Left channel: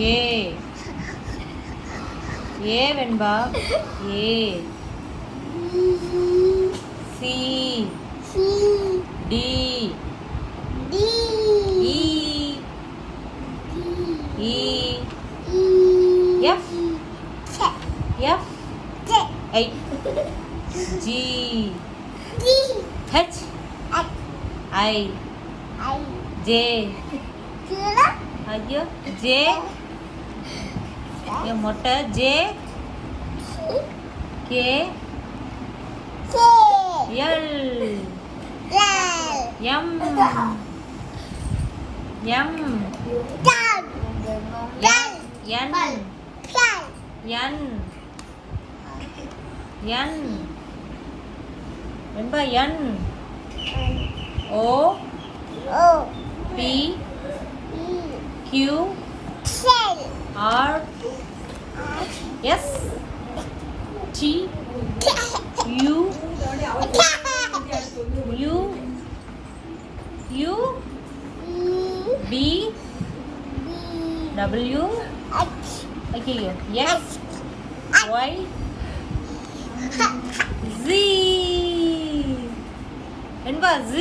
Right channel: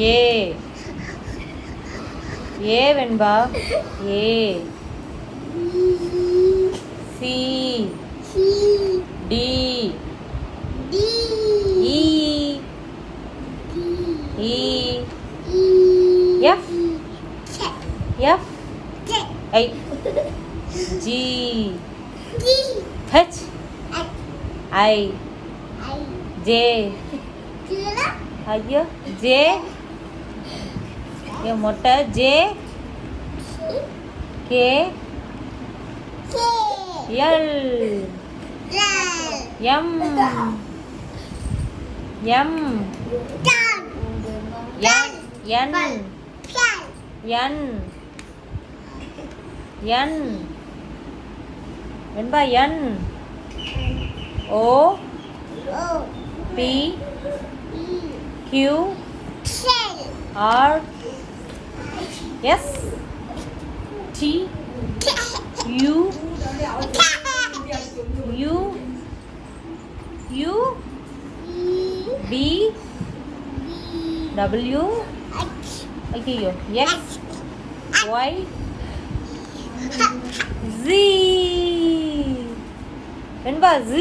A A Venba A C D E E F F I G H I J ஐயா J ये मोटा J K L M M N N N Venba N O P Q R S T U U U V W X Y Z Venba Z